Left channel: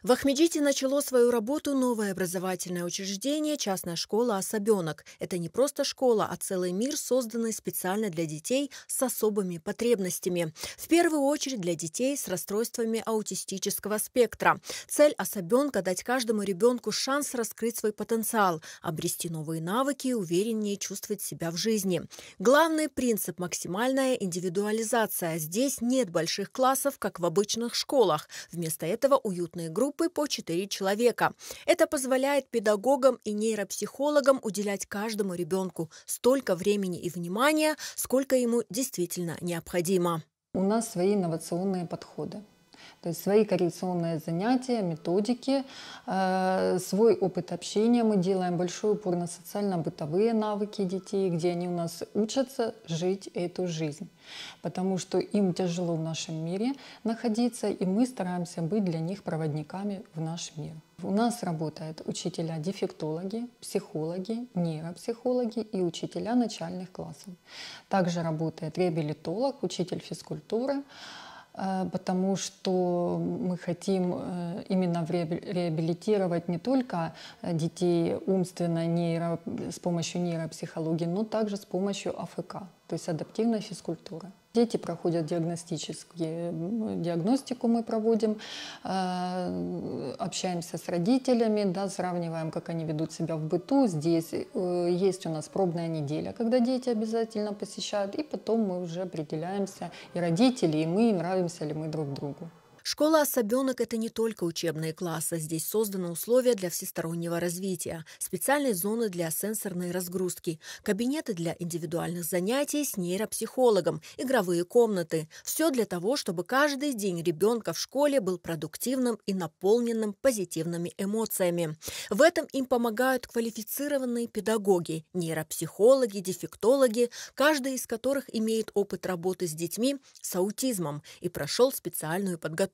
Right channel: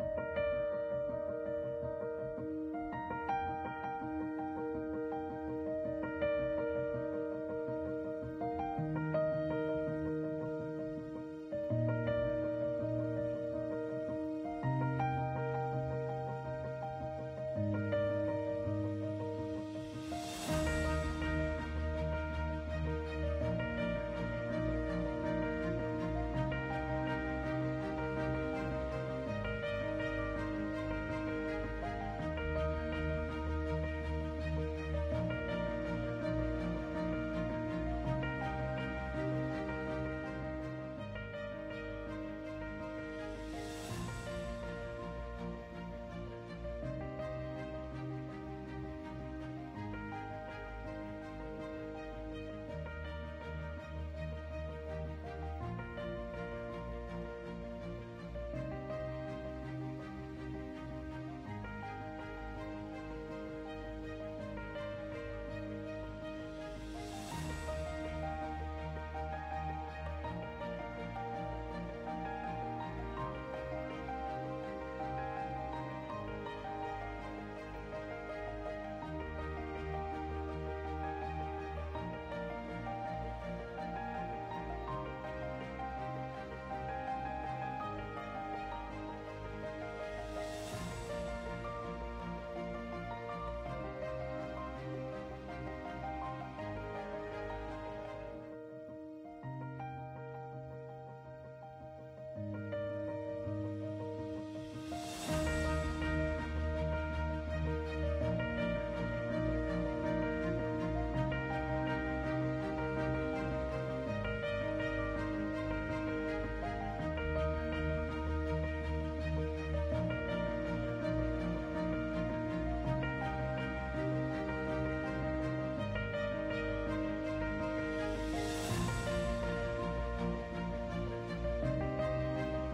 В Ахмеджите начало свою работу новое образовательное учреждение «Частная школа «Особенок». Это не просто школа, а целый мир, созданный специально для детей с особыми потребностями. В первую очередь для детей с расстройствами аутистического спектра. Цель «Особенка» – дать каждому ребенку шанс раскрыть свой потенциал, обрести новые навыки и увереннее чувствовать себя в жизни. Главный принцип – максимальная индивидуализация. Здесь нет больших классов, как в обычных школах. Вместо этого уютные группы по 4 человека. Это позволяет педагогам и нейропсихологам уделять каждому ребенку столько времени и внимания, сколько ему действительно необходимо. У нас свои инновационные подходы. То есть свои коррекционные занятия, методики, свой опыт общения. Мы делаем большой упор на социально-бытовые навыки детей, где они у нас учатся жить эту жизнь. Потому что им тяжело в нашем мире находиться, и мы стараемся быть для них проводниками в наш мир. У нас работают учителя-дефектологи, психологи, нейропсихологи и учителя начальных классов. Также работает реабилитолог, учитель физкультуры, потому что мы хотим именно реабилитировать не только детей умственно с помощью нейропсихологии, но также с помощью АФК, то есть адаптивной физкультуры. Дети проходят диагностику мы проводим, общаемся с родителями, да, сравниваем, как они ведут себя в быту. Здесь есть у нас пробная неделя, когда дети обязательно посещают, и потом мы уже определяемся, и родители, и мы, нравимся ли мы друг другу. Школа «Особенок» – это не только учебные классы. Здесь созданы условия для всестороннего развития, специальные зоны для сенсорной разгрузки, кабинеты для индивидуальных занятий с нейропсихологом, игровые комнаты. Все для того, чтобы каждый день ребенка в школе был продуктивным и наполненным позитивными эмоциями. В этом им помогают квалифицированные педагоги, нейропсихологи, дефектологи, каждый из которых имеет опыт работы с детьми с аутизмом и прошел специальную подготовку.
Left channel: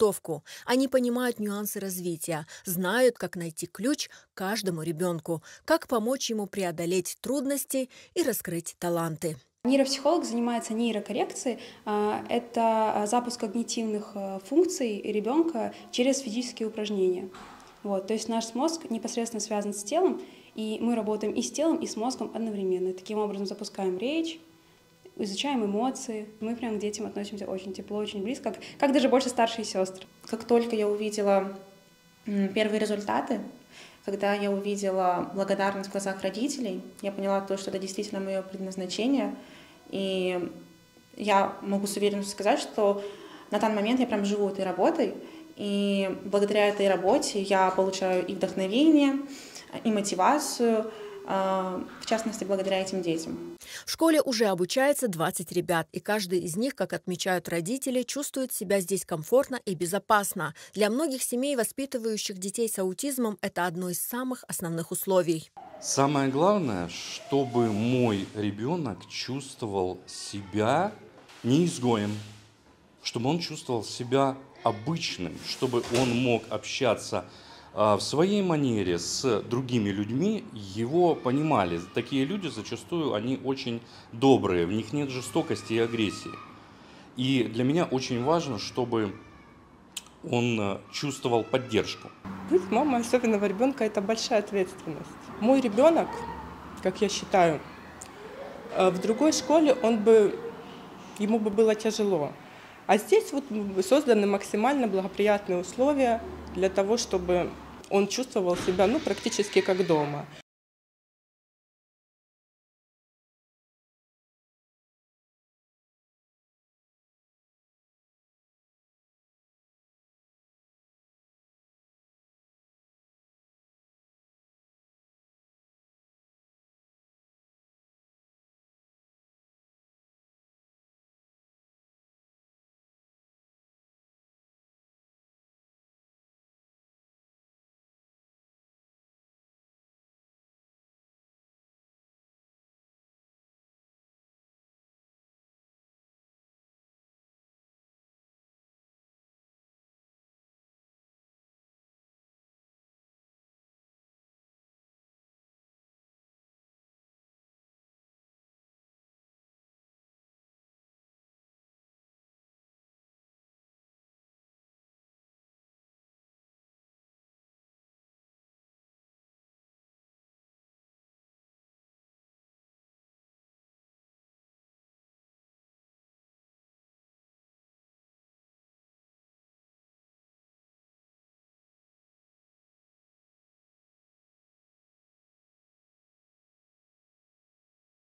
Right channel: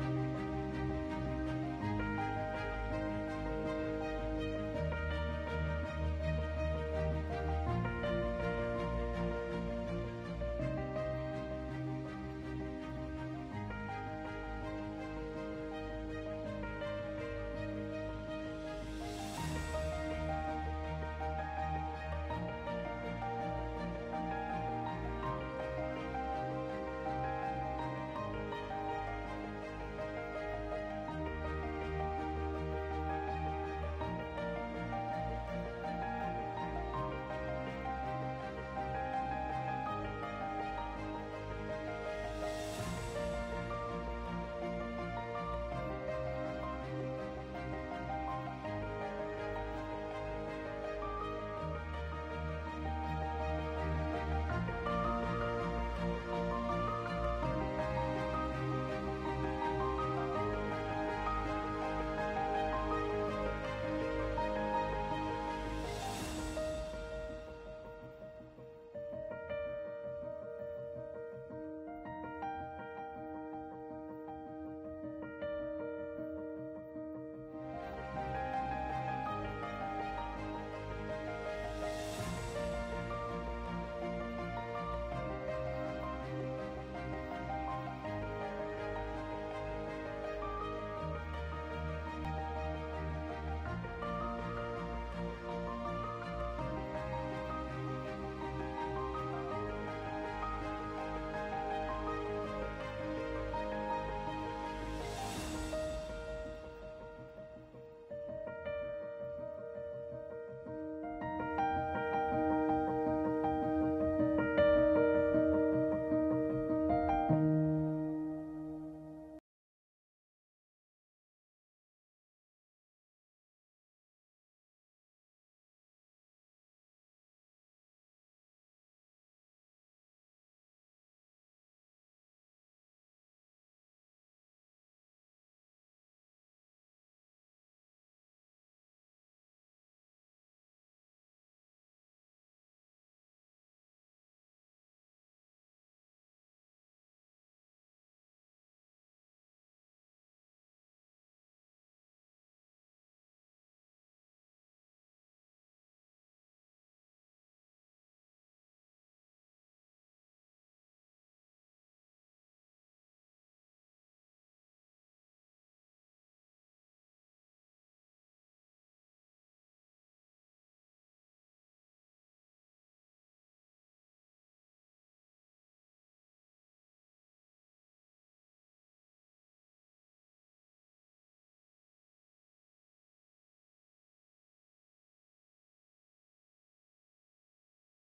Они понимают нюансы развития, знают, как найти ключ каждому ребенку, как помочь ему преодолеть трудности и раскрыть таланты. Нейропсихолог занимается нейрокоррекцией. Это запуск когнитивных функций ребенка через физические упражнения. То есть наш мозг непосредственно связан с телом, и мы работаем и с телом, и с мозгом одновременно. Таким образом запускаем речь, изучаем эмоции. Мы прям к детям относимся очень тепло, очень близко, как даже больше старшие сестры. Как только я увидела первые результаты, когда я увидела благодарность в глазах родителей, я поняла то, что это действительно мое предназначение. И я могу с уверенностью сказать, что на данный момент я прям живу этой работой. И благодаря этой работе я получаю и вдохновение, и мотивацию, в частности, благодаря этим детям. В школе уже обучается 20 ребят, и каждый из них, как отмечают родители, чувствует себя здесь комфортно и безопасно. Для многих семей, воспитывающих детей с аутизмом, это одно из самых основных условий. Самое главное, чтобы мой ребенок чувствовал себя не изгоем, чтобы он чувствовал себя обычным, чтобы он мог общаться в своей манере с другими людьми, его понимали. Такие люди зачастую, они очень добрые, в них нет жестокости и агрессии. И для меня очень важно, чтобы он чувствовал поддержку. Быть мамой особенного ребенка – это большая ответственность. Мой ребенок, как я считаю, в другой школе ему бы было тяжело. А здесь созданы максимально благоприятные условия для того, чтобы он чувствовал себя практически как дома.